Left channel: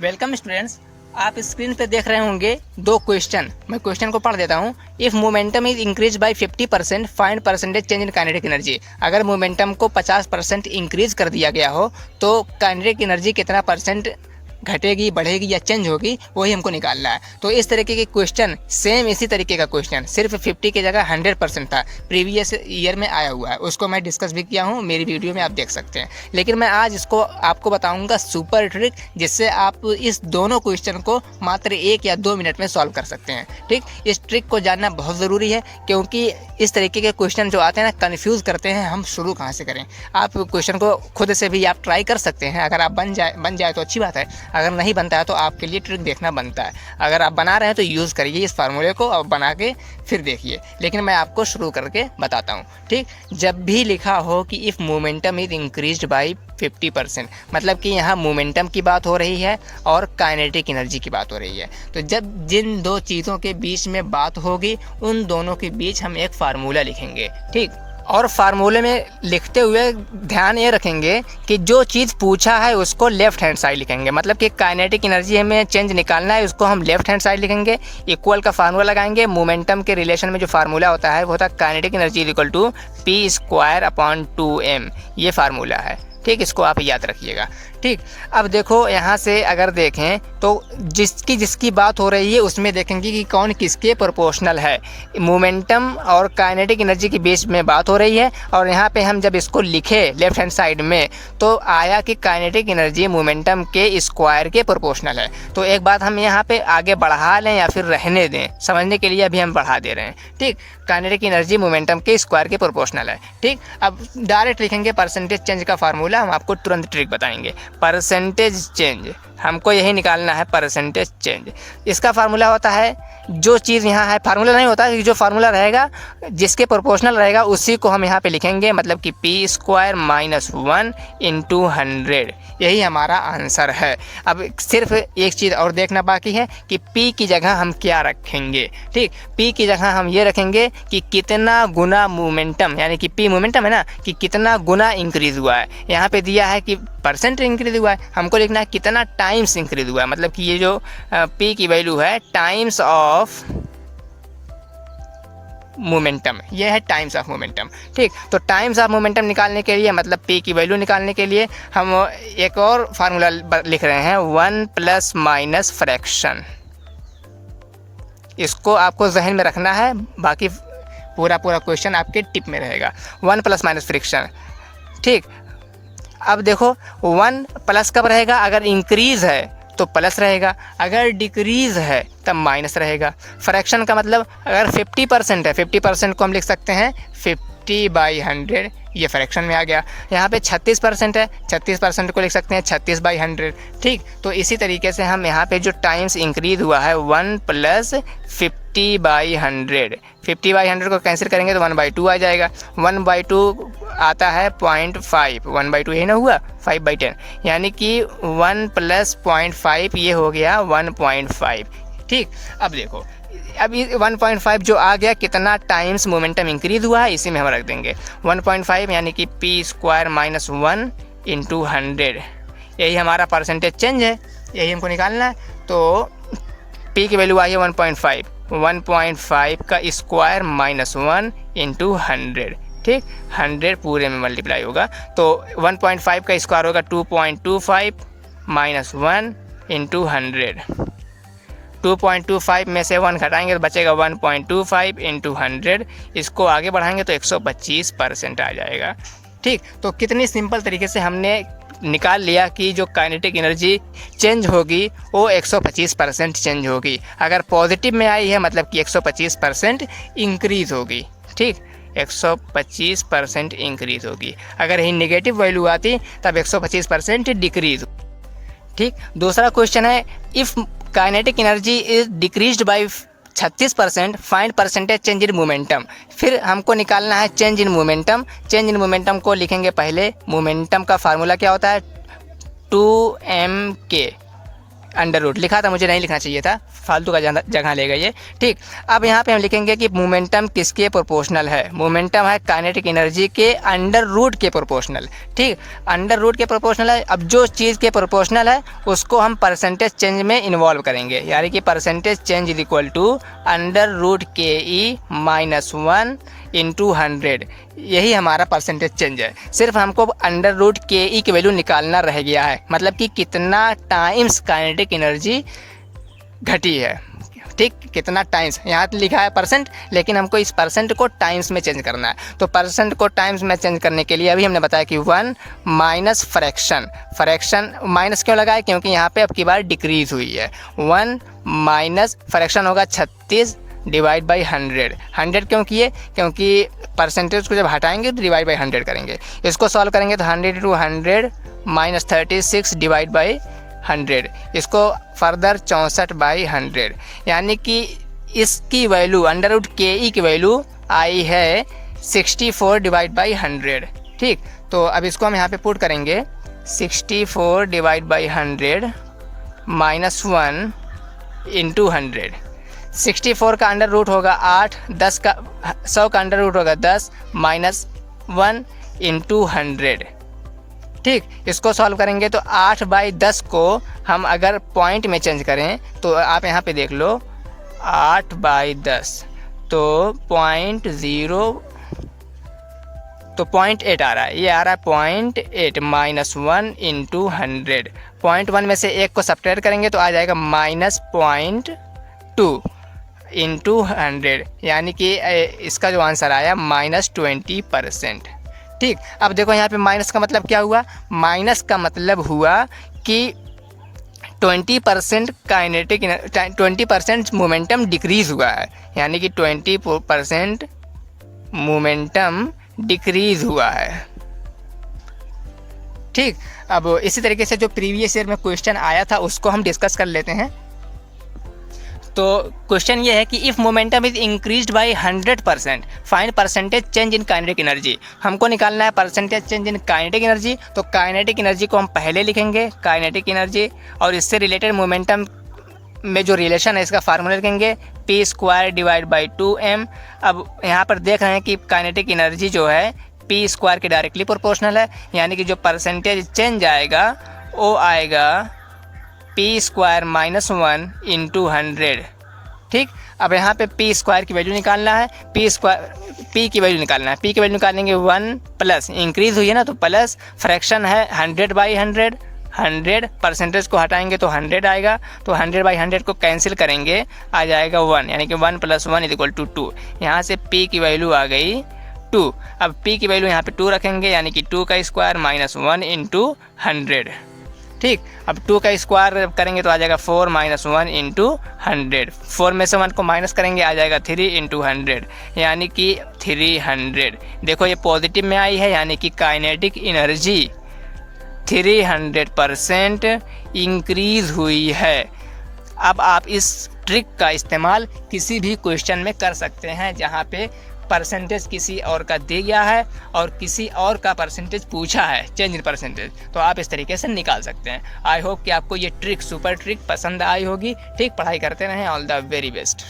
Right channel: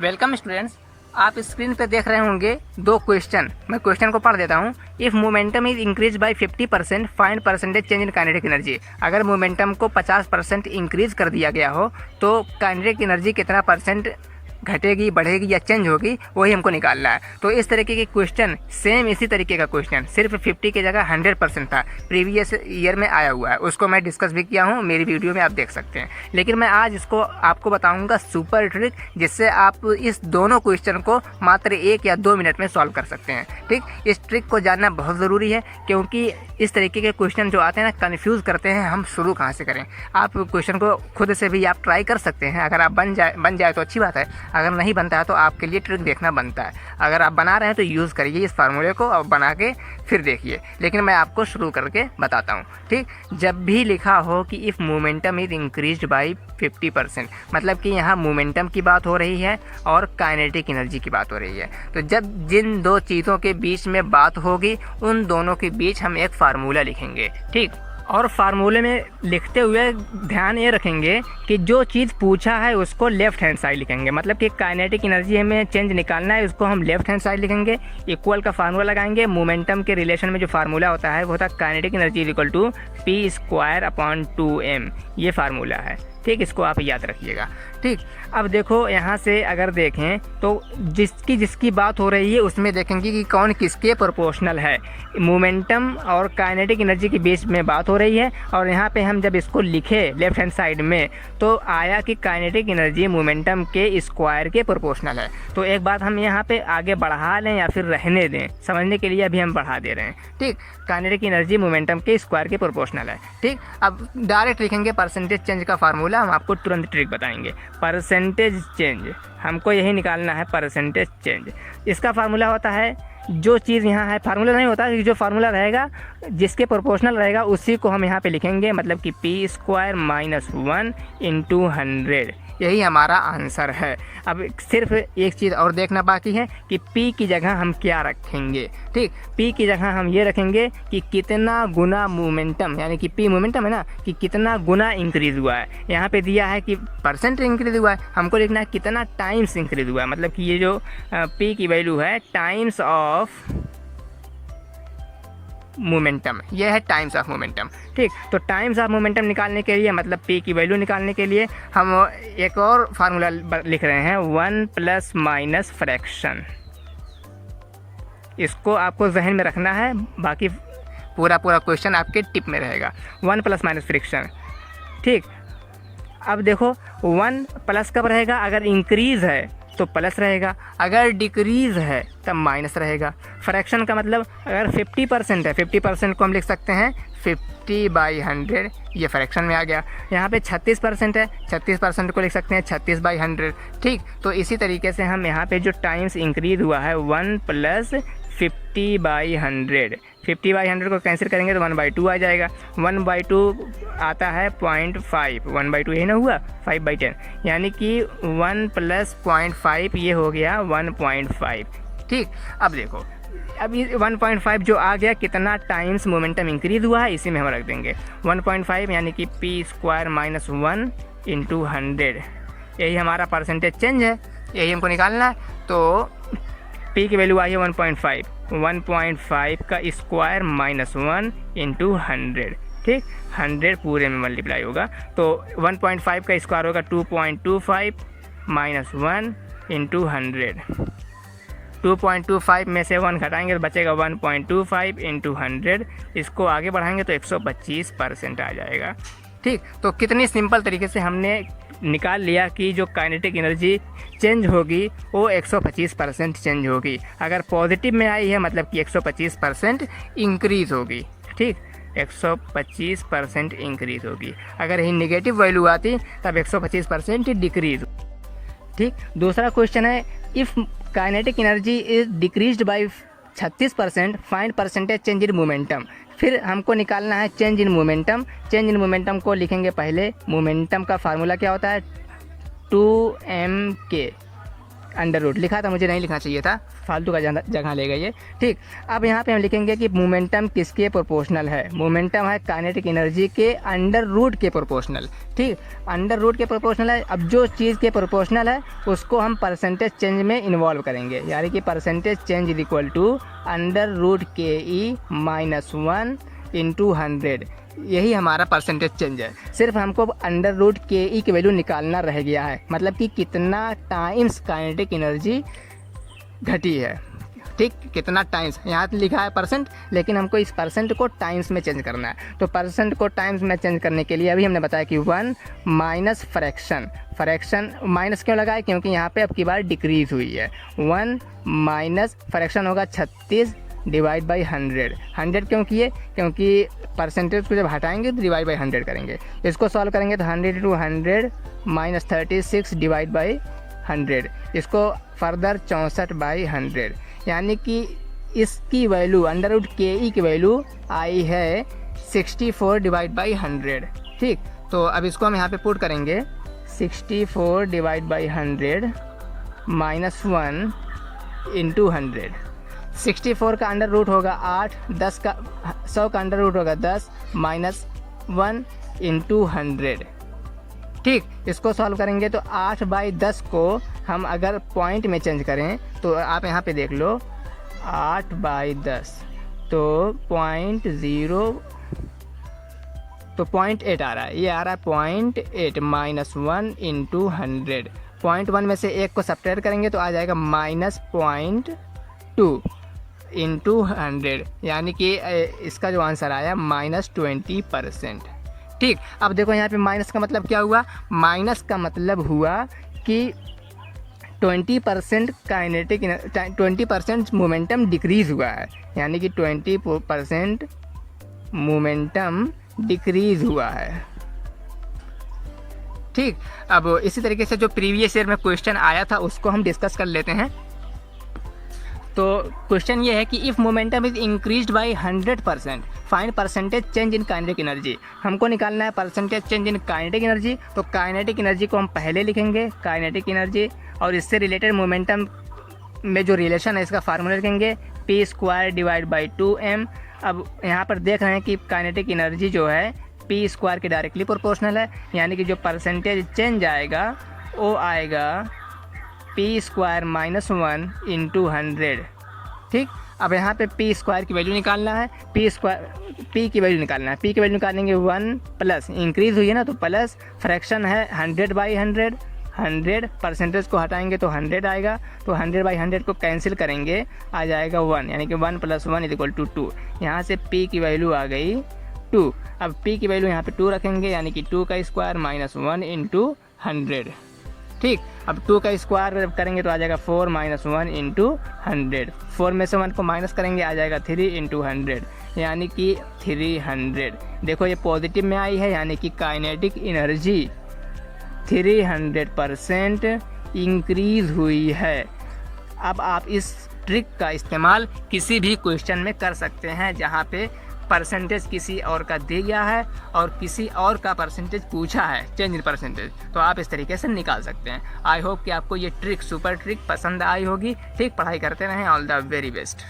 Welcome students. आप screen पर देख रहे होंगे दो क्वेश्चन। मैं क्वेश्चन को पढ़ देता हूँ। If momentum is increase by 50% find percentage change in kinetic energy. अगर मोमेंटम को 50% इंक्रीज कर दिया गया हो तो काइनेटिक एनर्जी कितना परसेंट घटेगी, बढ़ेगी या चेंज होगी, वही हमको निकालना है। तो इस तरीके के क्वेश्चन, सेम इसी तरीके का क्वेश्चन, सिर्फ 50 की जगह 100% था, प्रीवियस ईयर में आया हुआ है। उसको मैं डिस्कस भी किया हूँ, मेरी वीडियो में आप देख सकते हैं। लेकिन मैं आज इसको आपको बताऊंगा सुपर ट्रिक, जिससे आप इस दोनों क्वेश्चन को मात्र 1 या 2 मिनट में सॉल्व कर सकते हैं। ठीक, इस ट्रिक को जानना बहुत ज़रूरी है, क्योंकि इस तरीके के क्वेश्चन जो आते हैं ना, कन्फ्यूज़ करते हैं। हम शुरू कहाँ से करें? आप क्वेश्चन को खुद से भी आप ट्राई कर सकते हैं। अगर आप बन जाए तो अच्छी बात है, अगर नहीं बनता है तो आपके लिए ट्रिक देखना बनता है। अगर आप बना रहे हैं तो यूज़ करिए इस फार्मूले को और बना के फिर देखिए। लेकिन मैं आपको शुरू करके बताता हूँ। ठीक, जब भी लिखा हो कि if momentum is increased by 50%, मतलब कि यहाँ मोमेंटम की बात हो रही है और काइनेटिक एनर्जी की बात हो रही है। तो जब जिन दो चीज़ों के बीच में बात होगी, उन दोनों के बीच हम एक फार्मूला लिखेंगे। ठीक, और फार्मूले में लिखते हुए ध्यान ये रखेंगे कि जो चीज़ पूछा है उसको लेफ्ट हैंड साइड लिखेंगे। मतलब कि काइनेटिक एनर्जी हमें चेंज निकालना है, उसको हम लेफ्ट हैंड साइड लिखेंगे। इक्वल का फार्मूला लगाएंगे। मोमेंटम के रिलेशन में जो फार्मूला होता है वो होता है kinetic energy equal to P²/2m। ये फार्मूला है। ठीक, इसको आप याद रखिएगा। ठीक, अब देखो यहाँ से अगर देखें तो जिसकी बात हो रही है उसमें देखेंगे कि कौन किसके प्रोपोर्शनल है। मोमेंटम और काइनेटिक एनर्जी के बीच में बात हो रही है, और यहाँ पे हम जब इसको लिखे लेफ्ट हैंड साइड में तो आया कि काइनेटिक एनर्जी मोमेंटम के स्क्वायर के प्रोपोर्शनल है। तो एक बात हम यहाँ पे आगे बढ़ा लें या फिर रहने दें, समझने के लिए अभी हम बढ़ा दे रहे हैं। ठीक, काइनेटिक एनर्जी मोमेंटम के स्क्वायर के प्रोपोर्शनल है। ठीक, अब डायरेक्ट लिखेंगे परसेंटेज चेंज का फार्मूला। हम आपको तुरंत ट्रिक बताएंगे। परसेंटेज चेंज हमको यही निकालना है, परसेंटेज चेंज। इसका फार्मूला होता है, जो चीज़ यहाँ है, फार्मूला नहीं होता, जो फार्मूला रहेगा जिसके प्रोपोर्शनल रहेगा उसी को हम यहाँ पे लिखेंगे। मतलब कि P² - 1 × 100। यही हमारा आंसर है। अब सिर्फ एक चीज़ और देखना बाकी है कि P की जगह हम क्या रखेंगे। ठीक, P की जगह हम ये रखेंगे कि कितना गुना मोमेंटम, यानी कि P मोमेंटम है ना, कि कितना गुना इंक्रीज़ हुआ है। यहाँ पे दिया है कि परसेंट इंक्रीज़ हुआ है, हमको लिखना है कितना टाइम्स इंक्रीज़ हुआ है। मतलब कि ये जो P की वैल्यू है टाइम्स ऑफ मोमेंटम, ये है टाइम्स ऑफ मोमेंटम। ठीक, तो टाइम्स ऑफ मोमेंटम निकालने के लिए, मतलब P की वैल्यू निकालने के लिए हम एक और फार्मूला लिख रहे हैं, 1 ± फ्रैक्शन। इसको आपको जहन में रखना है, बाकी पूरा क्वेश्चन आपके टिप में रहेगा। 1 ± फ्रैक्शन। ठीक, अब देखो 1 प्लस कब रहेगा? अगर इंक्रीज है तो प्लस रहेगा, अगर डिक्रीज है तब माइनस रहेगा। फ्रैक्शन का मतलब अगर 50% है, 50% को हम लिख सकते हैं 50/100, ये फ्रैक्शन में आ गया। यहाँ पे 36% है, 36% को लिख सकते हैं 36/100। ठीक, तो इसी तरीके से हम यहाँ पे जो टाइम्स इंक्रीज हुआ है 1 + 50/100, 50/100 को कैंसिल करेंगे तो 1/2 आ जाएगा। 1/2 आता है 0.5, 1/2 यही ना हुआ, 5/10, यानी कि 1 + 0.5 ये हो गया 1.5। ठीक, अब देखो, अभी 1.5 जो आ गया, कितना टाइम्स मोमेंटम इंक्रीज हुआ है इसी में हम रख देंगे 1.5, यानी कि P² - 1 × 100। यही हमारा परसेंटेज चेंज है, यही हमको निकालना है। तो P की वैल्यू आई है 1.5, 1.5 का स्क्वायर -1 × 100। ठीक, 100 पूरे में मल्टीप्लाई होगा, तो 1.5 का स्क्वायर होगा 2.25 - 1 × 100। 2.25 में से 1 घटाएंगे तो बचेगा 1.25 × 100। इसको आगे बढ़ाएंगे तो 125% आ जाएगा। ठीक, तो कितनी सिंपल तरीके से हमने निकाल लिया कि जो काइनेटिक एनर्जी चेंज होगी वो 125% चेंज होगी। अगर पॉजिटिव में आई है मतलब कि 125% इंक्रीज़ होगी। ठीक, 125% इंक्रीज़ होगी। अगर यही नेगेटिव वैल्यू आती तब 125% डिक्रीज़। ठीक, दूसरा क्वेश्चन है, if kinetic energy is decreased bye 36% find percentage change in momentum. फिर हमको निकालना है change in momentum. Change in momentum को लिखेंगे पहले। मोमेंटम का फार्मूला क्या होता है? 2mk। अंडर रूट लिखा था, मुझे नहीं लिखना चाहिए था, फालतू का जगह ले गई ये। ठीक, अब यहाँ पे हम लिखेंगे कि मोमेंटम किसके प्रोपोर्शनल है। मोमेंटम है काइनेटिक एनर्जी के अंडर रूट के प्रोपोर्शनल। ठीक, अंडर रूट के प्रोपोर्शनल है। अब जो चीज़ के प्रोपोर्शनल है उसको हम परसेंटेज चेंज में इन्वॉल्व करेंगे, यानी कि percentage change is equal to under root के ई माइनस 1 इंटू 100। यही हमारा परसेंटेज चेंज है। सिर्फ हमको अंडर रूट के ई की वैल्यू निकालना रह गया है, मतलब कि कितना टाइम्स काइनेटिक एनर्जी घटी है। ठीक, कितना टाइम्स, यहाँ तो लिखा है परसेंट, लेकिन हमको इस परसेंट को टाइम्स में चेंज करना है। तो परसेंट को टाइम्स में चेंज करने के लिए अभी हमने बताया कि 1 माइनस फ्रैक्शन माइनस क्यों लगा है, क्योंकि यहाँ पे अब की बार डिक्रीज हुई है। 1 माइनस फ्रैक्शन होगा 36 डिवाइड बाई 100 क्यों किए, क्योंकि परसेंटेज को जब हटाएंगे तो डिवाइड बाई 100 करेंगे। इसको सॉल्व करेंगे तो 100 इंटू 100 माइनस 36 डिवाइड बाई 100, इसको फर्दर 64 बाई 100, यानी कि इसकी वैल्यू अंडर रूट के ई की वैल्यू आई है 64 डिवाइड बाई 100। ठीक, तो अब इसको हम यहाँ पे पुट करेंगे 64 डिवाइड बाई 100 माइनस 1 इंटू 100। 64 का अंडर रूट होगा 8, 100 का अंडर रूट होगा 10 माइनस 1 इंटू 100। ठीक, इसको सॉल्व करेंगे तो 8 बाई 10 को हम अगर पॉइंट में चेंज करें तो आप यहाँ पे देख लो 8 बाई 10 तो 0.8 आ रहा है, ये आ रहा है 0.8 माइनस 1 इंटू 100। 0.1 में से एक को सब्ट्रैक्ट करेंगे तो आ जाएगा माइनस 0.2 इंटू 100, यानी कि इसका जो आंसर आया माइनस 20%। ठीक, अब देखो यहाँ पे माइनस का मतलब क्या हुआ, माइनस का मतलब हुआ कि 20% काइनेटिक 20% मोमेंटम डिक्रीज हुआ है, यानी कि 20% मोमेंटम डिक्रीज हुआ है। ठीक, अब इसी तरीके से जो प्रीवियस ईयर में क्वेश्चन आया था उसको हम डिस्कस कर लेते हैं। तो क्वेश्चन ये है कि if momentum is increased by 100% find percentage change in kinetic energy. हमको निकालना है percentage change in kinetic energy. तो काइनेटिक एनर्जी को हम पहले लिखेंगे काइनेटिक एनर्जी, और इससे रिलेटेड मोमेंटम में जो रिलेशन है इसका फार्मूला लिखेंगे p² डिवाइड बाई 2m। अब यहाँ पर देख रहे हैं कि काइनेटिक एनर्जी जो है p² के डायरेक्टली प्रोपोर्शनल है, यानी कि जो परसेंटेज चेंज आएगा वो आएगा p² माइनस 1 इंटू 100। ठीक, अब यहाँ पे p² की वैल्यू निकालना है, p की वैल्यू निकालना है। p की वैल्यू निकालेंगे 1 प्लस इंक्रीज हुई है ना, तो प्लस फ्रैक्शन है 100 बाई 100, 100 परसेंटेज को हटाएंगे तो 100 आएगा, तो 100 बाई 100 को कैंसिल करेंगे आ जाएगा 1, यानी कि 1 प्लस 1 इज इक्वल टू 2। यहाँ से p की वैल्यू आ गई 2। अब p की वैल्यू यहाँ पे 2 रखेंगे, यानी कि 2 का स्क्वायर माइनस 1 इंटू 100। ठीक, अब 2 का स्क्वायर करेंगे तो आ जाएगा 4 माइनस 1 इंटू 100। 4 में से 1 को माइनस करेंगे आ जाएगा 3 इंटू 100, यानी कि 300। देखो ये पॉजिटिव में आई है, यानी कि काइनेटिक एनर्जी 300% इंक्रीज हुई है। अब आप इस ट्रिक का इस्तेमाल किसी भी क्वेश्चन में कर सकते हैं जहाँ पे परसेंटेज किसी और का दे गया है और किसी और का परसेंटेज पूछा है, चेंज इन परसेंटेज, तो आप इस तरीके से निकाल सकते हैं। आई होप कि आपको ये ट्रिक सुपर ट्रिक पसंद आई होगी। ठीक, पढ़ाई करते रहें। All the very best.